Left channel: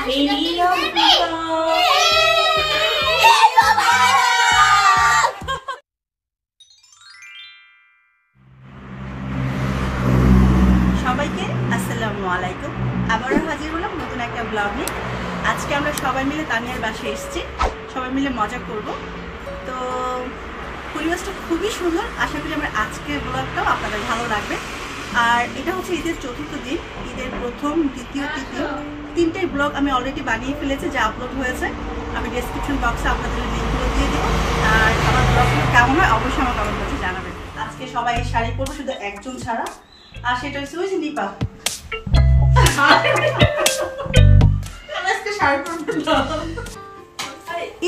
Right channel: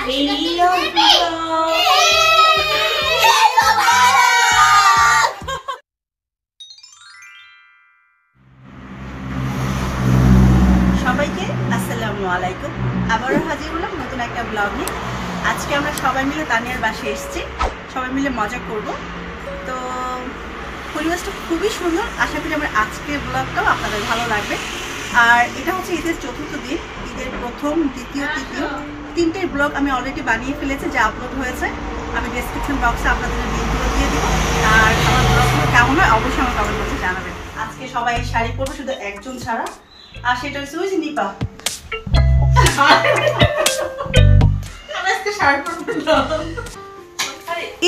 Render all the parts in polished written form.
সবাইকে আসসালামু আলাইকুম। আবারও হাজির হলাম নতুন একটা ব্লগ নিয়ে। আজকে আমরা সবাই মিলে তানিয়ার বাসায় এসেছি, সবাই মিলে মজা করব। তো পরিবেশটা খুবই সুন্দর, আশা করি আমরা আজকের ব্লগটাও আপনাদের ভালো লাগবে। আর এটা হচ্ছে ঈদের চতুর্থ দিন, ঈদের প্রথম, দ্বিতীয়, তৃতীয় তিনটেই ব্লগ আমি অলরেডি বানিয়ে ফেলেছি, যা আপলোড হয়েছে। আমি ডেসক্রিপশন বক্সে আপনাদের লিঙ্কগুলো দিয়ে দিব। আর আমার ব্লগগুলো কেমন হয় অবশ্যই আমার কমেন্ট বক্সে জানাবেন। আজকে সবাই শাড়ি পরবো, শুধু একজন ছাড়া, আর সেটা হচ্ছে ওই যে নিপা।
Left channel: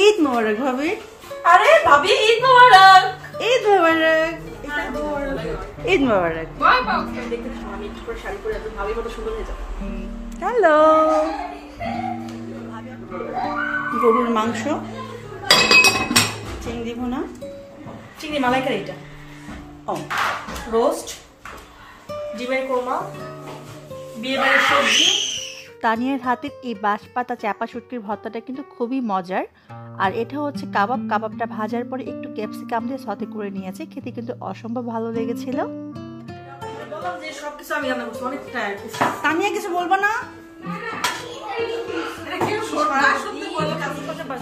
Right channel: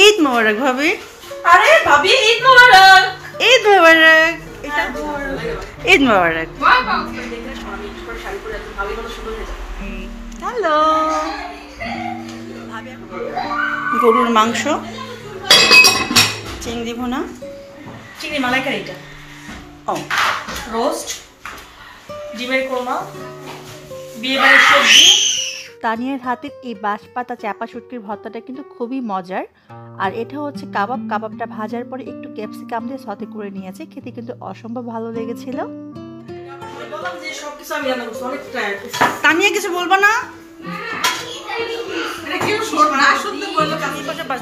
ঈদ মোবারক ভাবি। আরে ভাবি ঈদ মোবারক। ঈদ মোবারক। ঈদ মোবারক। হ্যালো। গরুর মাংস, চিংড়ি ভুনা, চিংড়ি মালাইকারি, এটা ও রোস্ট, ডিমের কোরমা, বিয়ে বাড়ির সবজি। তানিয়ার হাতের এই বাঁশপাতা চাপা শুটকির ভর্তাটা কিন্তু খুবই মজার। আর এটা হচ্ছে কাবাব, কাবাবটা ভাজার পরে একটু ক্যাপসিকাম দিয়ে সতে করে নিয়েছে, খেতে কিন্তু অসম্ভব ভালো লেগেছিল। তানিয়া কিছু বলবো না,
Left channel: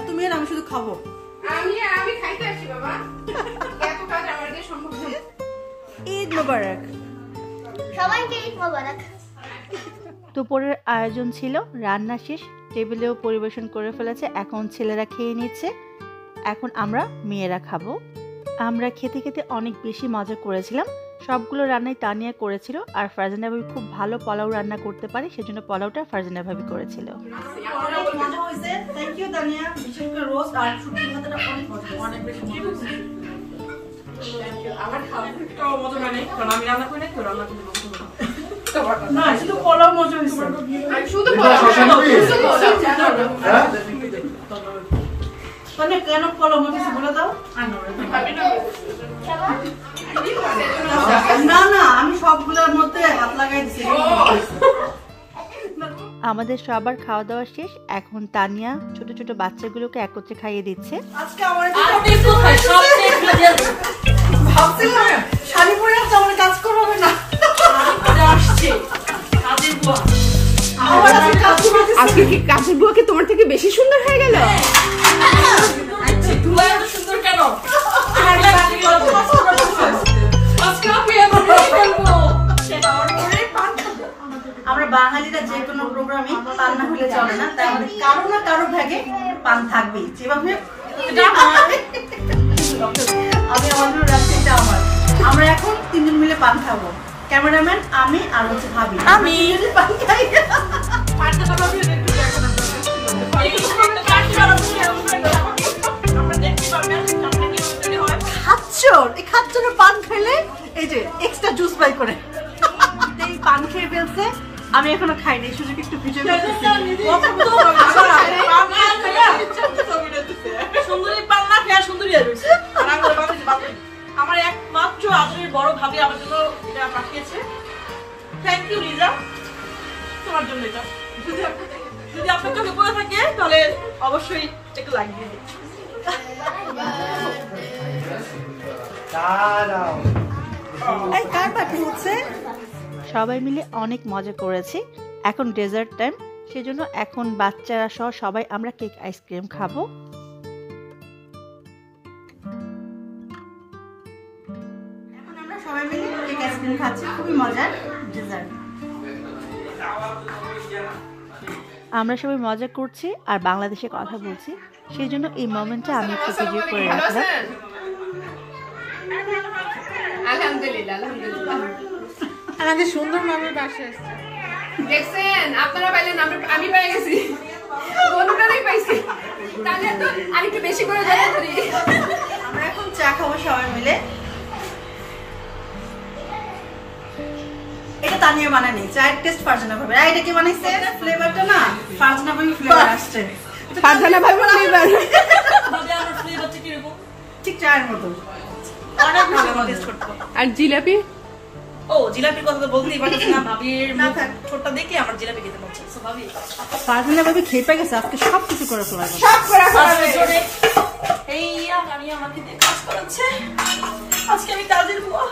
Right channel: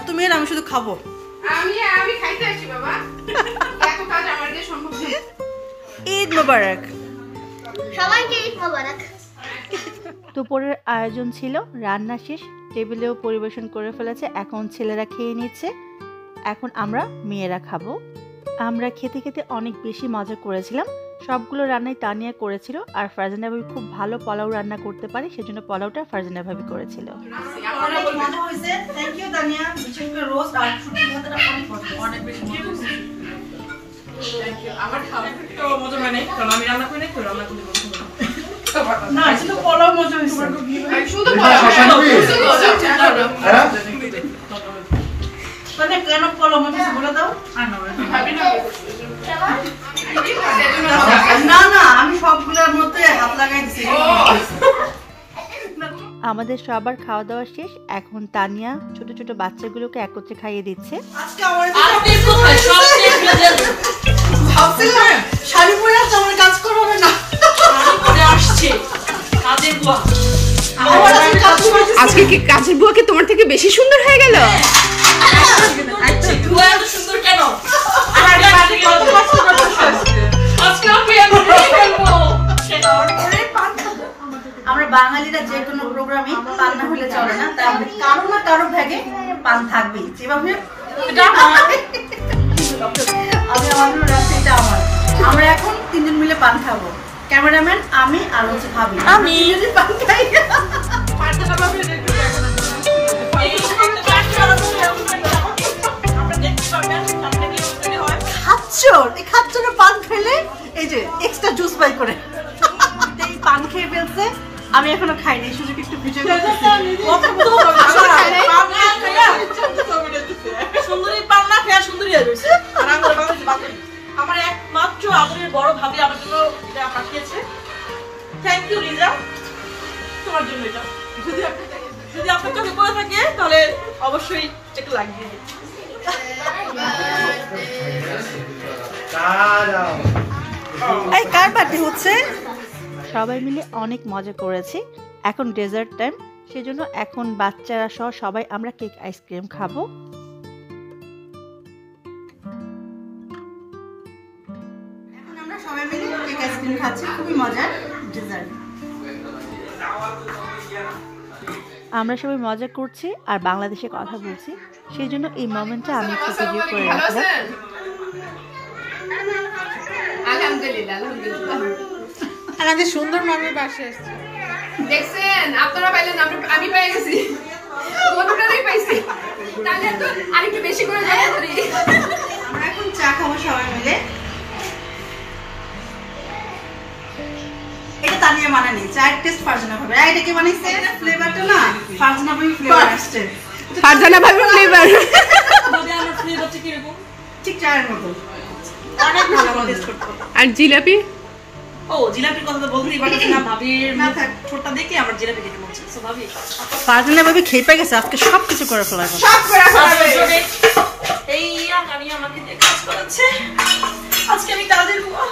তুমি আর আমি শুধু খাবো। ঈদ মুবারক। সবাইকে ঈদ মুবারক। দুপুরের আয়োজন ছিল, রান্না শেষ, টেবিলেও পরিবেশন করে ফেলেছে। এখন ছেলেরা খেয়ে নিচ্ছে, এখন আমরা মেয়েরা খাবো। আমরা খেতে খেতে অনেক বেশি মজা করেছিলাম। সবগুলো রান্নাই তানিয়া করেছিল, আর ফারজানা ভাবি খুব ভালো পোলাও রান্না করতে পারে, সেজন্য পোলাওটা ফারজানা ভাবি করেছিল। অনেক মজা হয়েছে, থ্যাংক ইউ তানিয়া। বিশেষ করে রোস্ট আর শুটকি ভাতটা অনেক মজা, অনেক বেশি মজা। Thank you. আমার খাবারটা মজা হয় নাই, কারণ আমি রান্না করি নাই, তো রান্না করতে পছন্দ না। না, শুধু পোলাও মজা হয়েছে। শুধু পোলাও। মানে কেন পোলাও মজা বলে দাও। না না, আমি সবগুলোর মধ্যে হাত লাগাই দিছি। আমাদের সবার খাওয়া দাওয়া শেষ, এখন তানিয়া ছোট ছোট বাচ্চাগুলোকে একত্রে খাইয়ে দিচ্ছে। আজকে শাড়ি পরে আসছে, আমার কাজ করা হবে না। আজকে কি কাজের বুয়া কি তোমার থেকে বেশি সুন্দর হয়ে গেল? আমরা বাঙালিরা যে কোনো প্রোগ্রামে পান না হলে চলে না, তাই আমাদের কারো না কারো ভাগে পান থাকবেই। যেভাবে আমি আমাদের রাখছি, এটা আমার। আমরা এখন তিনজন মিলে পান খাবো, ক্যামেরাম্যান, আমি আর হচ্ছে ভাবি। আমি পান খাই। খাচ্চর পান খেলে এই যে এক্সট্রা জুস বাই করে এই পান খেয়ে ফেলছে। আমি এখনো খাইনি, সুযোগ একটু ভিডিও করতেছি। সুন্দরী পান না খেয়ে সুন্দরী হয়েছে। আমার একমাত্র আমাদের বড় ভাবি আমার জন্য এটা পাঠিয়েছে। থ্যাংক ইউ রিজা, তোমার জন্য এটা। যদি আপনার চোখে পড়ে থাকে তাহলে অবশ্যই একটু লাগিয়ে দিই। এই কার পার্টি হচ্ছে? সবাই মিলে অনেক মজা করেছি। এখন ডেজার্ট টাইম, সেজন্য এখন বাচ্চারা সহ সবাই আমরা কেক আইসক্রিম খাবো। এখন আমরা সবাই মিলে কেক আইসক্রিম খাচ্ছি, খুবই মজার ডেজার্ট। আমরা সবাই মজা করছি আর বাংলাদেশে কথা বলছি, সেই জন্য এই মোমেন্টটা আমি একটু ভিডিও করে রাখলাম। আলহামদুলিল্লাহ, আলহামদুলিল্লাহ। আমাদের সুন্দর মামের বাসে আসছে, দেখছেন আপনারা পাইলেন, আমি পেয়ে গেছি, কোনটাই পাইছি। তাহলে তো আরেকটু বেশি করে যাবো করি। আমরা এখন চা খাবো সবাই মিলে। এটা তানিয়া বানানি, চায়ের টেস্ট ফারজানা ভাবে। এটা কি বানাইছে? এটা ফ্লেভারটা না ফারজানা ভাবে ফ্লেভার আসছে। ফারজানা ভাবে ফ্লেভার। মানে আমার ফ্লেভারটা কি রকম? ঠিক চায়ের মতো, অনেক ভালো মজা করতে। আর জিলাপি ও জিলাপির কথা তো বলতেই পারছি না, ভাবির ঠোঁটটা দেখে আমার জিলাপি খেতে মন চাইছে। ভাবি ফারজানা ভাবি খেয়ে পেয়ে গেছে, আজকে সবকিছু করে ফেলাইবো। এই আমি আমাকে দিয়ে কাজ করাচ্ছে, আজকে আমি কাজের বুয়া।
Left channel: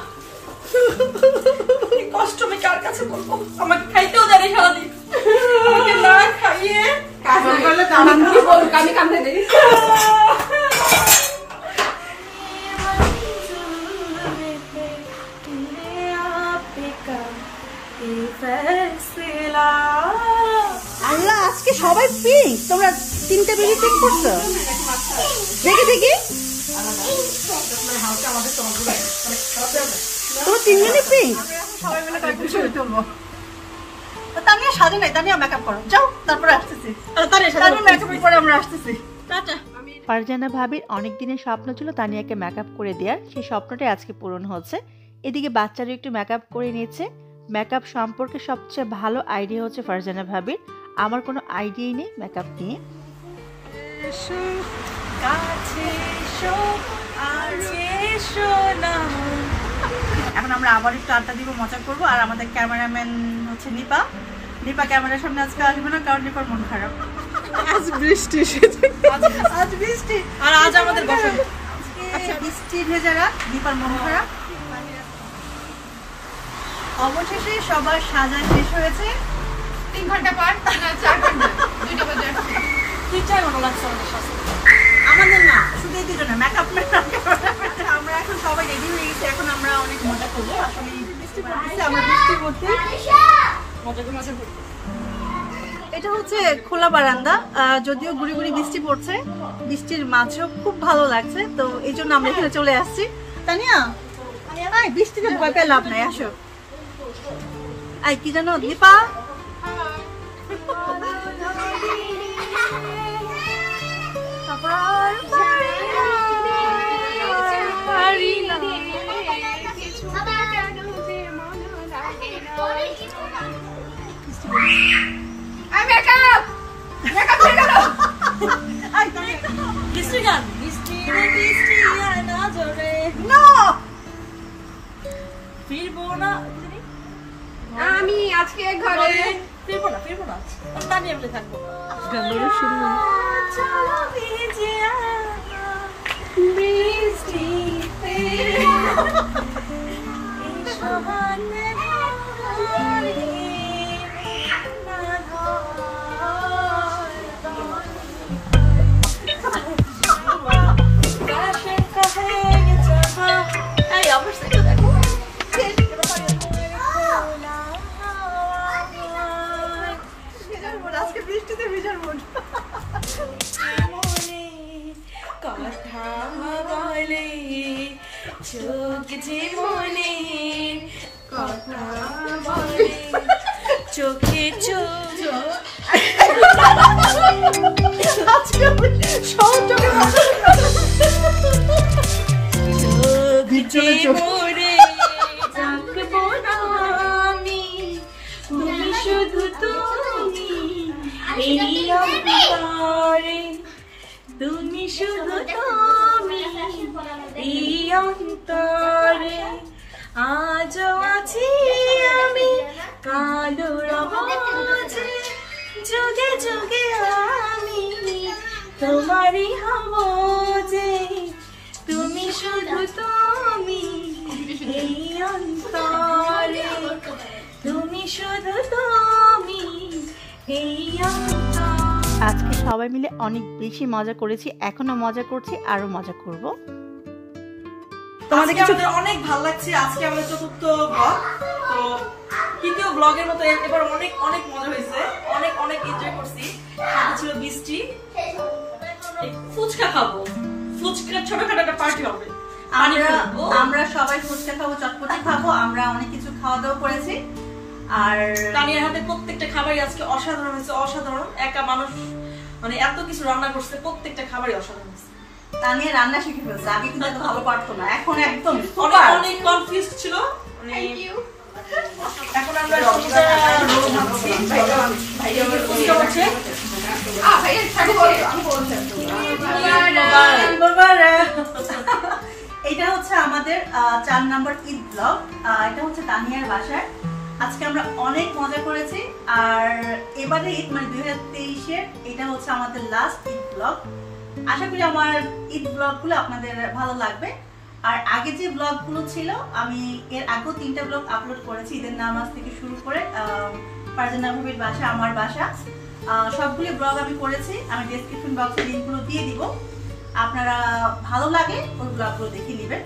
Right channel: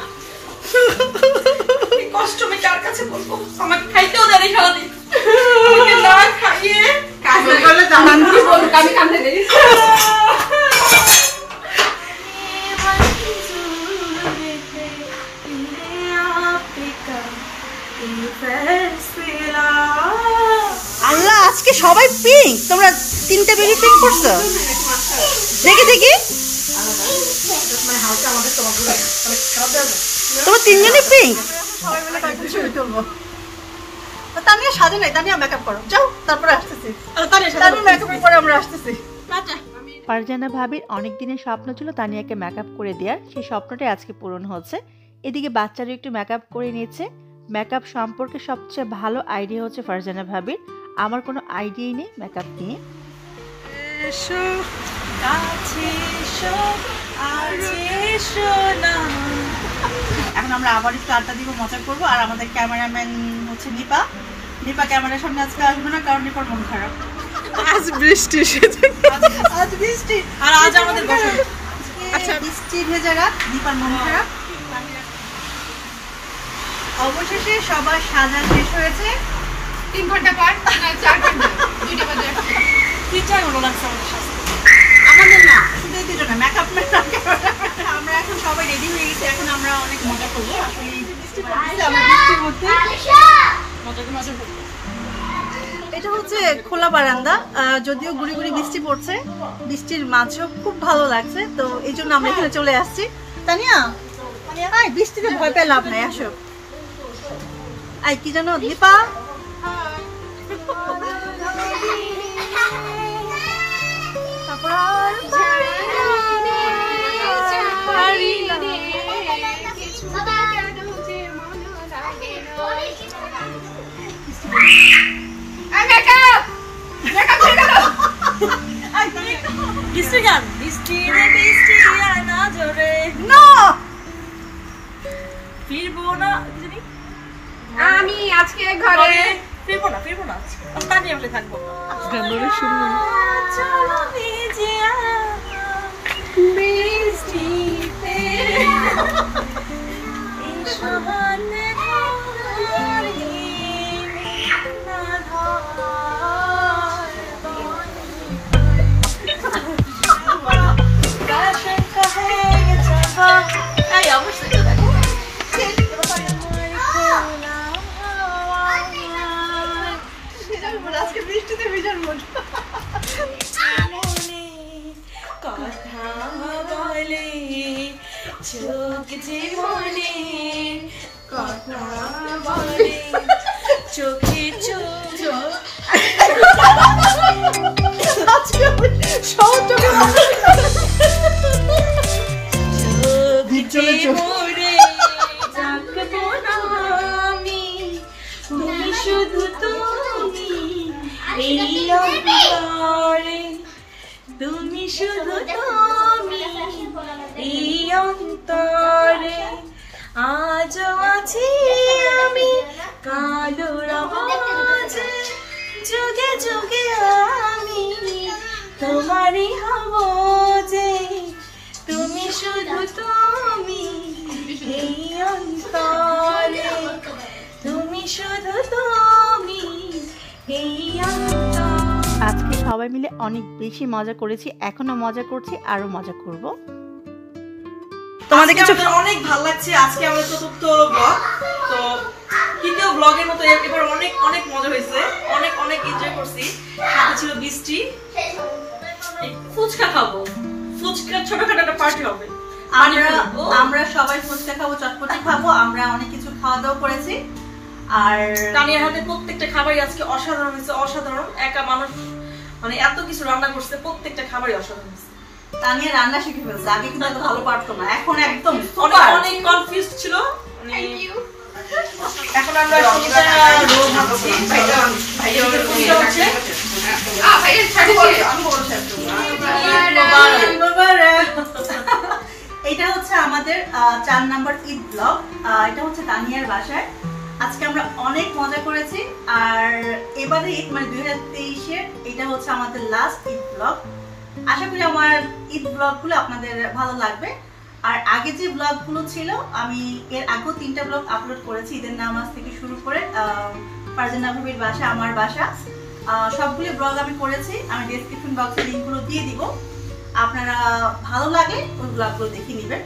এই কষ্ট আমি কার কাছে বলবো? আমাকে খাইতেও দেয় না সারাদিন, আমাকে না খাইয়ে কাজ করলে কি বলুক, আমি কাঁদতে দেই। আল্লাহ, আজকে সবাই পিঙ্ক। তোমরা তিনটে বেবি পিঙ্ক করছো? দেখি দেখি, তোমরা তিনজনই পিঙ্ক। সবাই মিলে কয়েকটা ছবি তুলবো। তানিয়া সাজে নাই, তানিয়া মেকআপ করো, যাও তারপরে আসতেছি। তানিয়া মেকআপের পরে আমরা আসতেছি। ফারজানা ভাবির অনেক দিনের স্বপ্ন ছিল তানিয়াকে মেকআপ করে দেওয়ার, সেই স্বপ্নটাই আজকে পূরণ হচ্ছে। এদিকে বাচ্চারও একটু মেকআপ করে নিয়েছে। মেকআপ সম্পর্কে সবচেয়ে ভালো আইডিয়া হচ্ছে ফারজানা ভাবির, আমার কোনো আইডিয়াই নেই মেকআপ নিয়ে। এখন আমরা আবার একটু আড্ডা দিব, মজা করবো। আর আমাদের ক্যামেরাম্যান হচ্ছে নিপা। নিপা ক্যামেরার সামনে আজকে আসবে না, কারণ নিপার মন খারাপ। আজ বৃষ্টি, আজ বৃষ্টি, আর আজ আমাদের বসন্ত। আচ্ছা, বৃষ্টি ভেজা রাত, নিপার মন খারাপ। অবশেষে সবার সাজা শেষ হয়েছে। 3 ঘন্টা পর না 4 ঘন্টা, 2টা বাজে আসছে। কি চাই মনে লাগছে আমাদের সাথে? আমাদের না, শুধু এই দুজনে মেকআপ ম্যান। আমরা এখন সবাই রেডি হয়ে গেছি, এখন আমরা অনেক মজা করবো। আসলে আমরা বৃষ্টির মধ্যে মজা করবো। এটা হচ্ছে খোলা বারান্দা, যদিও গুড়ি গুড়ি বৃষ্টি পড়ছে, বৃষ্টির মাঝেও খুব ভালো লাগছে, তো এই জন্য আমরা এখানে চলে আসছি। তানিয়া, আয়, বৃষ্টিতে ভয় পেয়ে লাভ নাই, আসো। আয়, কি জানো দীপা, বৃষ্টি গান, বৃষ্টি রে বৃষ্টি আয় না জোরে, না ফিরবো না। আমি আজকে ঘরে ফিরবো না, তানিয়া বলে থাকবো। গানটা শুনবো। চলো ভিজে বৃষ্টিতে এই সহানে আজকে বৃষ্টিতে ভিজার মন। কথা বলে চোখ জীবনে, কথা বলে চোখে চোখ, আজকে সব চোখে মরে ডাকবো না আমি, তুমি শুধু তুমি এই অন্তরে, তুমি শুধু তুমি এই অন্তরে, আজও আছি আমি কালোর মাঝে, যুগে যুগে আমি তোমারই হব যে, তুমি শুধু তুমি এই অন্তরে, তুমি শুধু তুমি এই অন্তরে। আজকে সবাই মিলে অনেক বেশি মজা করেছি, এখনো মজা করছি, আরো মজা করব। তোমাদের কিছু অনেক ভালো লাগছে। আজকে আমাদের চতুর্থ ব্লগ, তো তৃতীয় ব্লগের মতো এবার অনেক অনেক মজা হয়েছে, অনেক অনেক এনজয় করছি। সাথে ছিল বৃষ্টি, ফুচকা খাবো, ফুচকা ছোটখাটো একটা পার্টি হবে। আমরা সবাই ফুচকা খাবো, চটপটি খাবো, আমরা অনেক কিছু খাওয়া দাওয়া করেছি। আর তানিয়ার হাতে প্রত্যেকটা খাবারই আজকে অসাধারণ হয়েছে, অসাধারণ। একা মানুষ মানে এত কিছু রান্না করছে, প্রত্যেকটা খাবারই অসাধারণ হয়েছে। তানিয়া রান্না শিখে ফেলছে, আগে কিন্তু এত ভালো পারতো না, এখন একদম অনেক কনফিউজ ছিল। এখন আমরা ফুচকা রোল খাচ্ছি, ফুচকা হচ্ছে এটা হচ্ছে আমাদের 4 নম্বর ঈদ ব্লগ। এটা হচ্ছে তানিয়ার বাসায়। আজকে আমরা অনেক মজা করেছি। আর এবারে ঈদ মানে 2023-এর এটা হচ্ছে আমাদের লাস্ট ঈদ ব্লগ। আশা করি আমার ঈদ ব্লগগুলো আপনাদের ভালো লাগবে। আর আগে যে ব্লগগুলো ছিল আমি এর আগেও 3টা ব্লগ আপলোড করেছি, ঈদের নামাজ থেকে শুরু করে ফারজানা ভাবির বাসা, আমার বাসা, সবগুলো ব্লগ আমি করেছি। আমি ডেসক্রিপশন বক্সে লিঙ্কগুলো দিয়ে দিব, আপনারা ভালো লাগে ওই ব্লগগুলো দেখে নেবেন।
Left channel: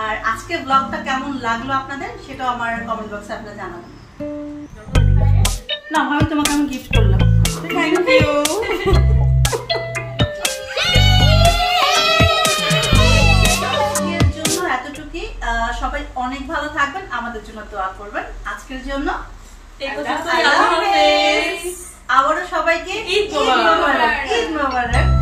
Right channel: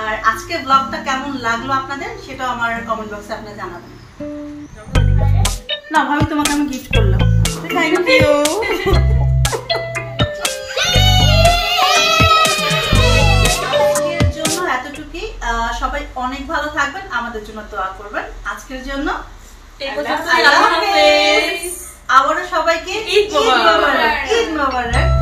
আর আজকে ব্লগটা কেমন লাগলো আপনাদের সেটাও আমার কমেন্ট বক্সে আপনারা জানাবেন। না ভাবি তোমাকে আমি গিফট করলাম। Thank you. আজকের জন্য এতটুকুই। সবাই অনেক ভালো থাকবেন, আমাদের জন্য দোয়া করবেন। আজকের জন্য আবারও সবাইকে ঈদ মোবারক।